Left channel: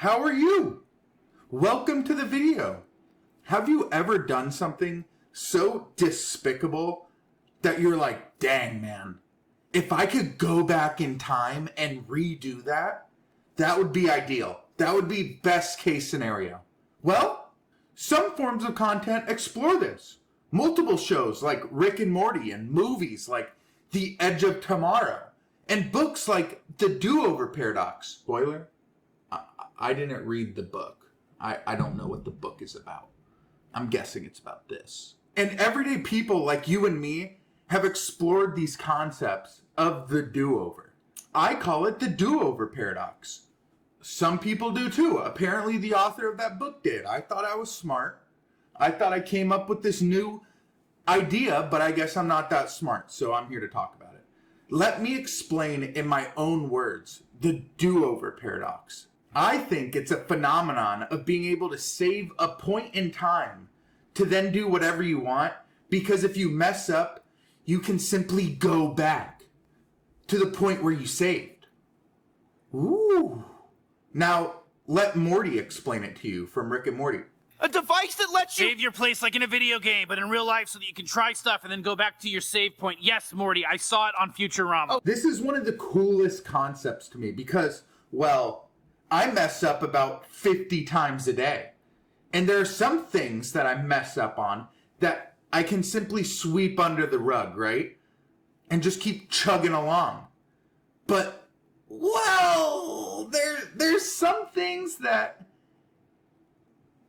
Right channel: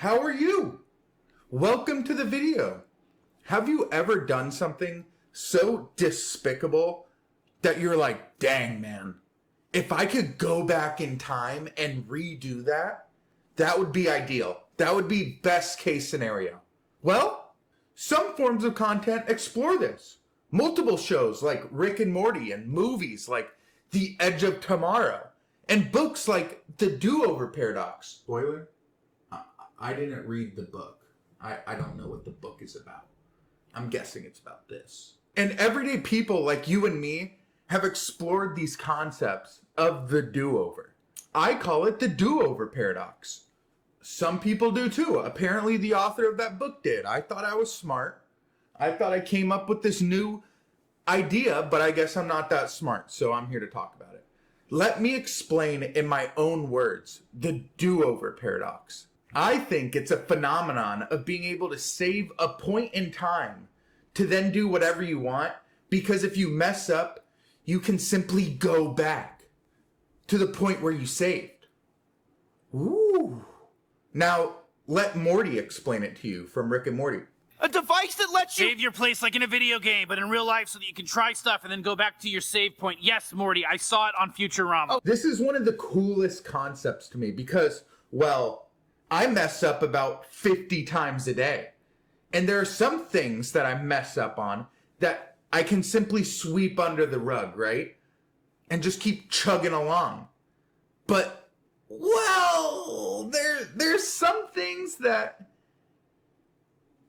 How are you? Welcome to the video. Have you ever done something so despicable that you're like, dang man, if I could go back in time and redo that, that would be ideal. That would be best case scenario. Well, some forms of content explore this. Multiple shows like Rick and Morty, and movies like The Edge of Tomorrow, and books like The Do-Over Paradox. Spoiler? I didn't read the book. I don't know what the book is about. I'm guessing it's about this. And everyday people like you and me have explored these concepts of the do-over. I call it the do-over paradox. Some people do too. Apparently the author of that book did. I thought I was smart. I thought I came up with this new idea, but I guess I'm not that smart, so I'm here to talk about it. Let me explain in my own words the do-over paradox. I think it's a phenomenon of being able to save a point in time to then do whatever you want, because if you mess up, you can simply go back to the point where you saved. Ooh. Now, let Morty explain it to you from Rick and Morty. A device that lets you save your place like in a video game, but in real life so that you can try stuff and then go back to your save point. Yes, Morty, I saw it on Futurama. Oh, this is one of the coolest concepts to me because, well, I mess up about 50 times a day. And there are some things that I mess up on that I can simply sweep under the rug, right? And just keep chugging along. But, well, there's some things that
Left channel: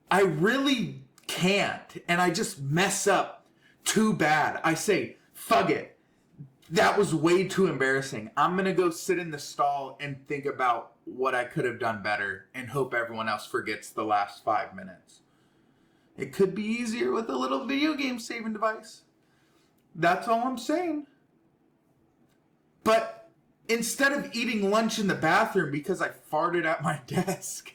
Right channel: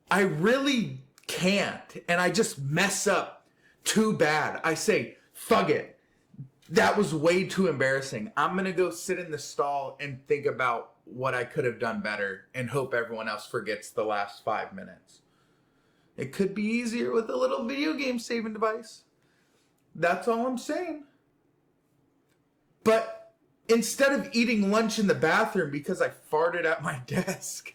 I really can't. And I just mess up too bad. I say, fuck it. That was way too embarrassing. I'm going to go sit in the stall and think about what I could have done better and hope everyone else forgets the last 5 minutes. It could be easier with a little video game saving device. That's all I'm saying. But instead of eating lunch in the bathroom because I farted at my desk,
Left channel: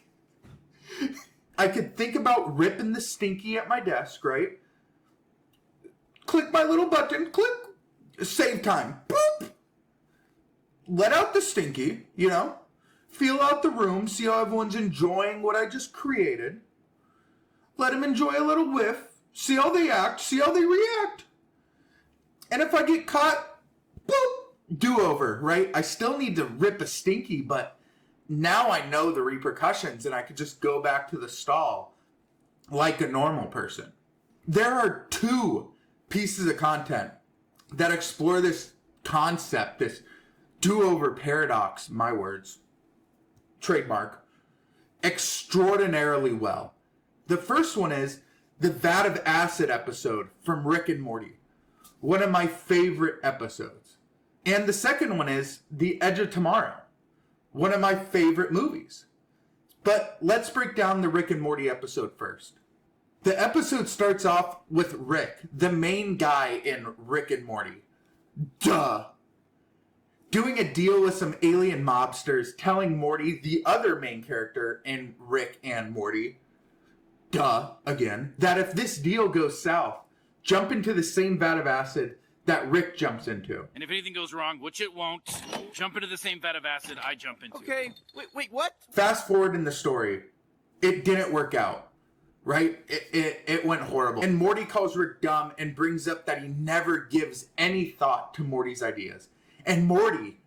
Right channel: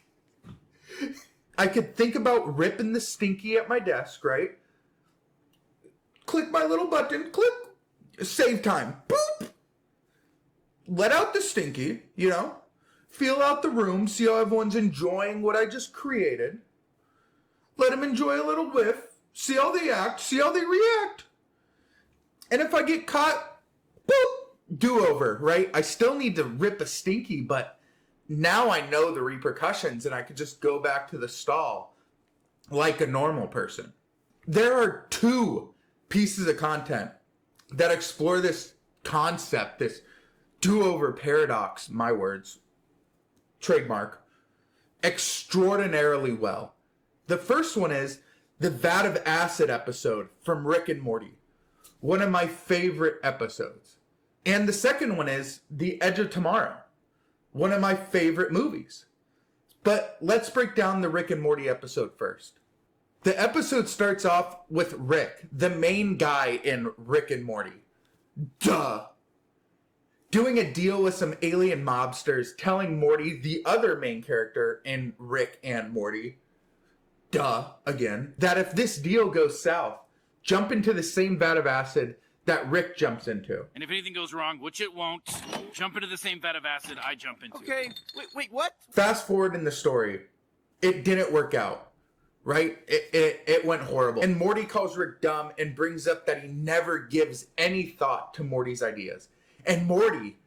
I could think about ripping the stinky at my desk, right? Click my little button, click. Save time. Boop. Let out the stinky, Feel out the room, see how everyone's enjoying what I just created. Let them enjoy a little whiff. See how they act, see how they react. And if I get caught, boop, do-over, right? I still need to rip a stinky, but now I know the repercussions and I can just go back to the stall like a normal person. There are 2 pieces of content that explore this concept, this do-over paradox, my words, trademark, extraordinarily well. The first one is the Vat of Acid episode from Rick and Morty, one of my favorite episodes. And the second one is The Edge of Tomorrow, one of my favorite movies. But let's break down the Rick and Morty episode first. The episode starts off with Rick, the main guy in Rick and Morty. Duh. Doing a deal with some alien mobsters, telling Morty, the other main character in Rick and Morty, duh, again, that if this deal goes south, jump into the same vat of acid that Rick jumps into. And if anything goes wrong, which it won't, jump into the same vat of acid I jump into. Okay, wait, what? Fast forward in the story. It didn't work out. Right? It went horrible. And Morty calls Rick dumb and brings up that he never gives any thought to Morty's ideas. And Morty,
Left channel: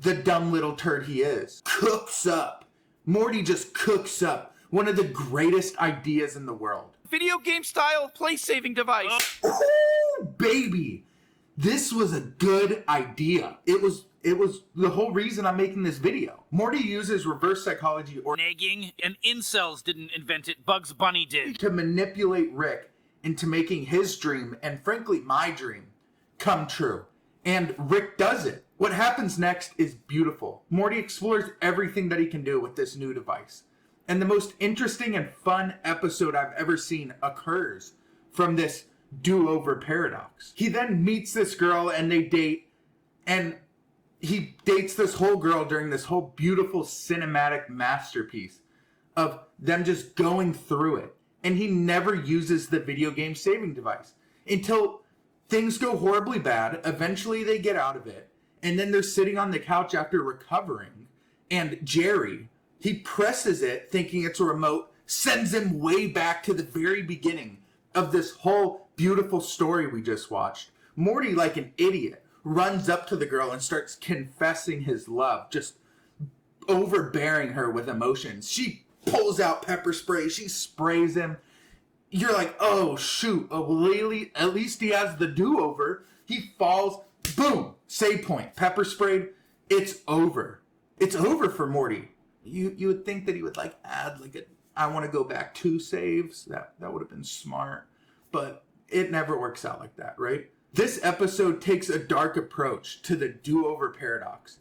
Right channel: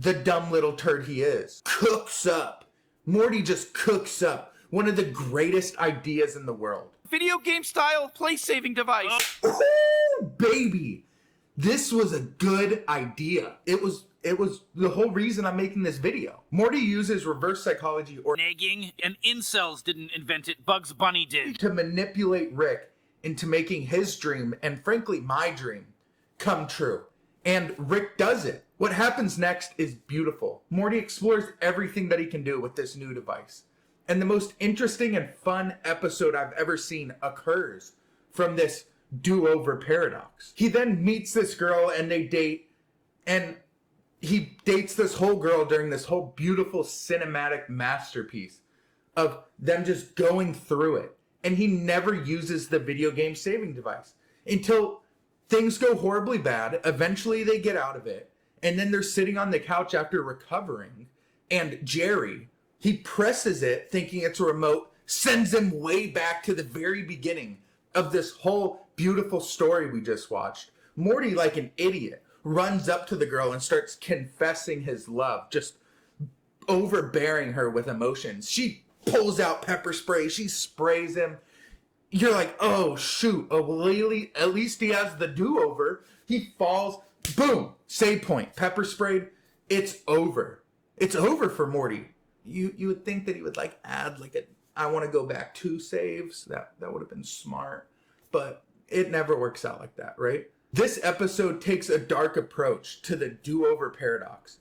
the dumb little turd he is, cooks up. Morty just cooks up one of the greatest ideas in the world. Video game style place-saving device. Oh, baby. This was a good idea. It was the whole reason I'm making this video. Morty uses reverse psychology or nagging, and incels didn't invent it. Bugs Bunny did. To manipulate Rick into making his dream, and frankly my dream, come true. And Rick does it. What happens next is beautiful. Morty explores everything that he can do with this new device. And the most interesting and fun episode I've ever seen occurs from this do-over paradox. He then meets this girl and they date, and he dates this whole girl during this whole beautiful cinematic masterpiece of them just going through it. And he never uses the video game saving device until things go horribly bad. Eventually they get out of it. And then they're sitting on the couch after recovering. And Jerry, He presses it, thinking it's a remote, sends him way back to the very beginning of this whole beautiful story we just watched. Morty, like an idiot, runs up to the girl and starts confessing his love, just overbearing her with emotions. She pulls out pepper spray. She sprays him. You're like, oh, shoot. Oh, well, at least he has the do-over. He falls. Boom. Save point. Pepper sprayed. It's over. It's over for Morty. You would think that he would, like, add, like, I want to go back 2 saves. That would have been smart. But it never works out like that, right? This episode takes a dark approach to the do-over paradox.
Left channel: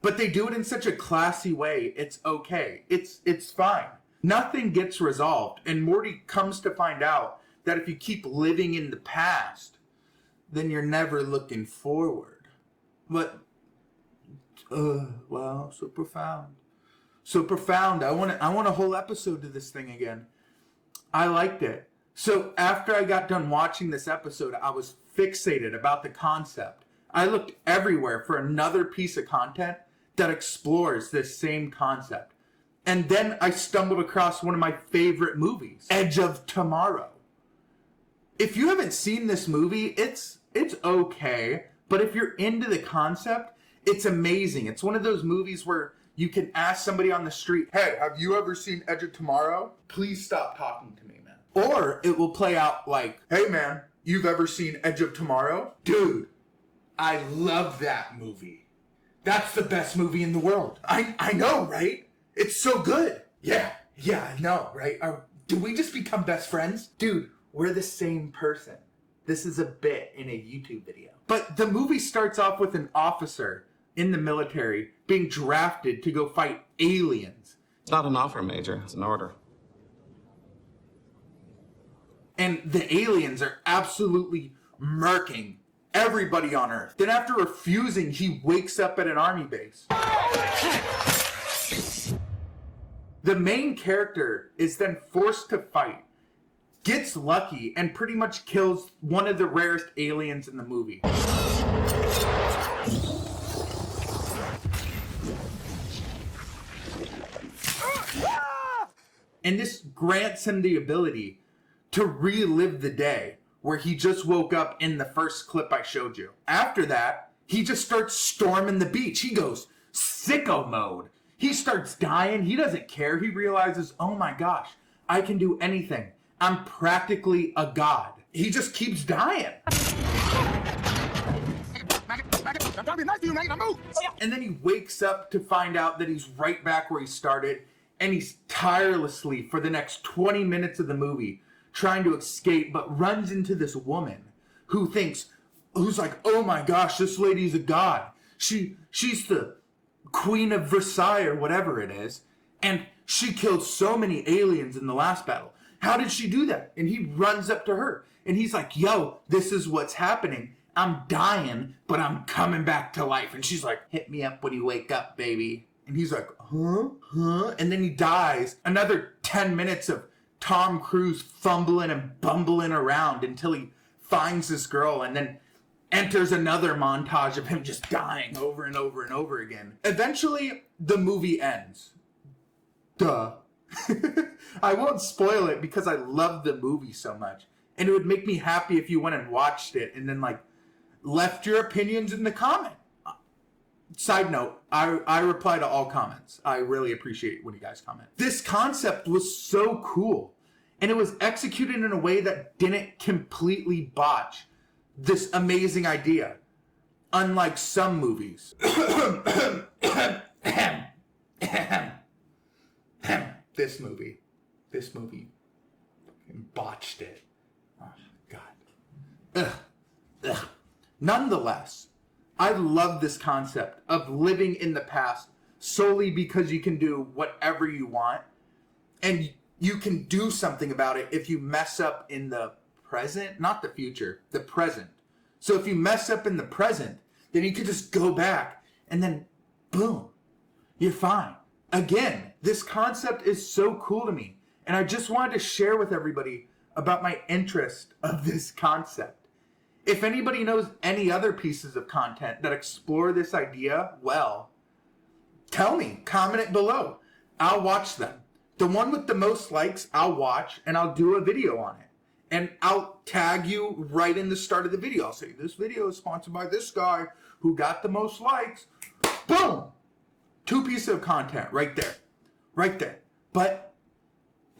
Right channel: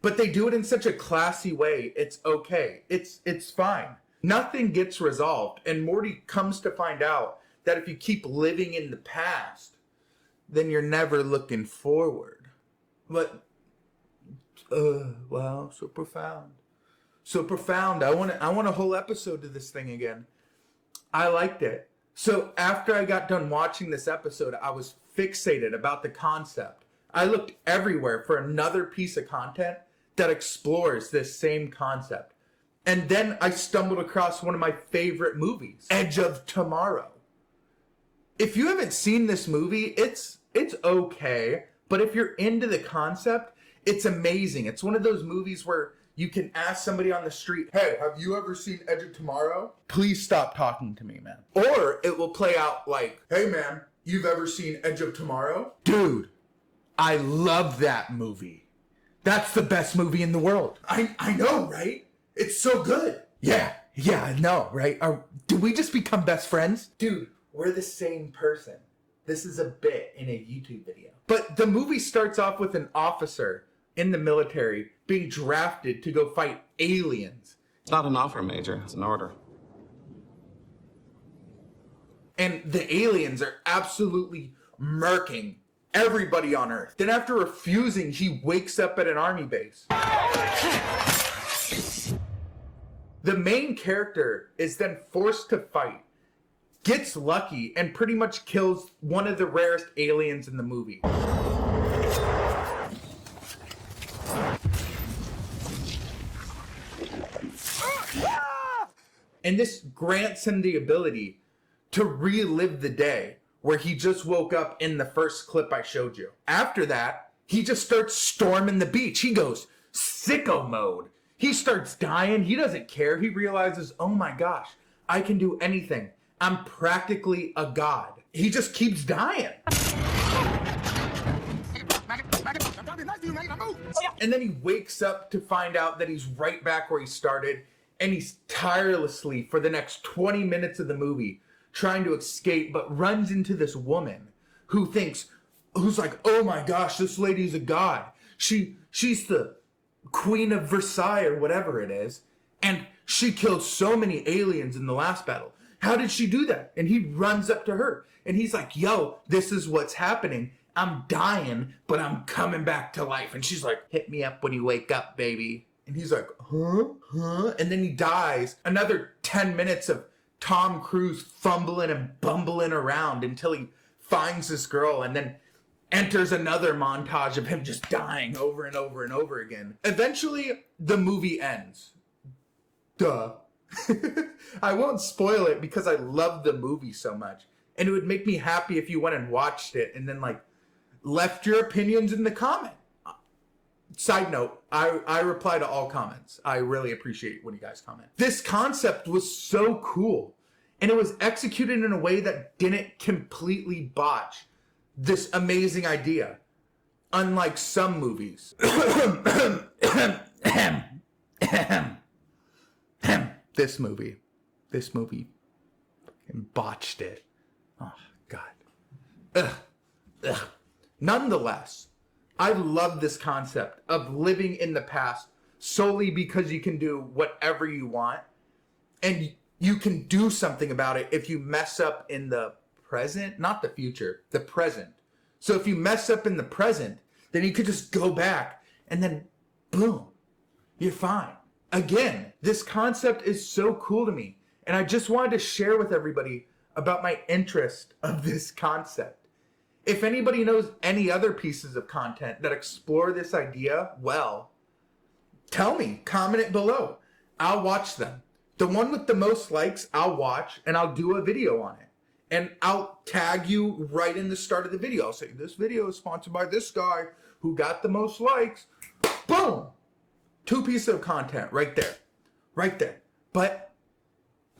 But they do it in such a classy way, it's okay. It's fine. Nothing gets resolved, and Morty comes to find out that if you keep living in the past, then you're never looking forward. But, wow, so profound. So profound. I want a whole episode to this thing again. I liked it. So after I got done watching this episode, I was fixated about the concept. I looked everywhere for another piece of content that explores this same concept. And then I stumbled across one of my favorite movies, Edge of Tomorrow. If you haven't seen this movie, it's okay, but if you're into the concept, it's amazing. It's one of those movies where you can ask somebody on the street, hey, have you ever seen Edge of Tomorrow? Please stop talking to me, man. Or it will play out like, hey, man, you've ever seen Edge of Tomorrow? Dude, I love that movie. That's the best movie in the world. I know, right? It's so good. Yeah, I know, right? Do we just become best friends? Dude, we're the same person. This is a bit in a YouTube video. But the movie starts off with an officer in the military being drafted to go fight aliens. It's not an offer, Major. It's an order. And the aliens are absolutely murking everybody on Earth. Then after refusing, he wakes up at an army base. The main character is then forced to fight, gets lucky, and pretty much kills one of the rarest aliens in the movie. And this grants him the ability to relive the day where he just woke up in the first clip I showed you. After that, he just starts storming the beach. He goes sicko mode. He starts dying. He doesn't care. He realizes, oh my gosh, I can do anything. I'm practically a god. He just keeps dying. And then he wakes up to find out that he's right back where he started, and he's tirelessly, for the next 20 minutes of the movie, trying to escape, but runs into this woman who's like, oh my gosh, this lady's a god. She's the Queen of Versailles or whatever it is, and she killed so many aliens in the last battle. How did she do that? And he runs up to her, and he's like, yo, this is what's happening. I'm dying, but I'm coming back to life. And she's like, hit me up when you wake up, baby. And he's like, huh? And then he dies. Another 10 minutes of Tom Cruise fumbling and bumbling around until he finds this girl, and then enters another montage of him just dying over and over and over again. Eventually, the movie ends. Duh. I won't spoil it because I love the movie so much. And it would make me happy if you went and watched it and then, like, left your opinions in the comment. Side note, I reply to all comments. I really appreciate when you guys comment. This concept was so cool, and it was executed in a way that didn't completely botch this amazing idea, unlike some movies. This movie fucking botched it. Oh, God. Ugh. Nonetheless, I love this concept of living in the past solely because you can do whatever you want, and you can do something about it if you mess up in the present, not the future, the present. So if you mess up in the present, then you can just go back and then boom, you're fine. Again, this concept is so cool to me, and I just wanted to share with everybody about my interest of this concept. If anybody knows any other pieces of content that explore this idea well, tell me, comment it below. I'll watch them. The one with the most likes, I'll watch, and I'll do a video on it. And I'll tag you right in the start of the video. I'll say, this video is sponsored by this guy who got the most likes. Boom! 2 pieces of content right there. Right there. But,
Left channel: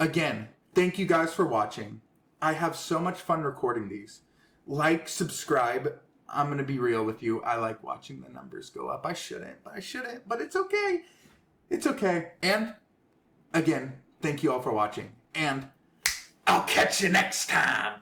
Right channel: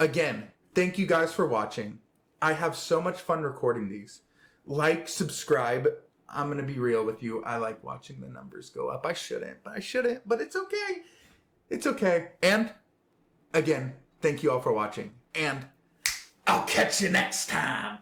again, thank you guys for watching. I have so much fun recording these. Like, subscribe. I'm going to be real with you. I like watching the numbers go up. I shouldn't, but it's okay. It's okay. And, again, thank you all for watching. And I'll catch you next time.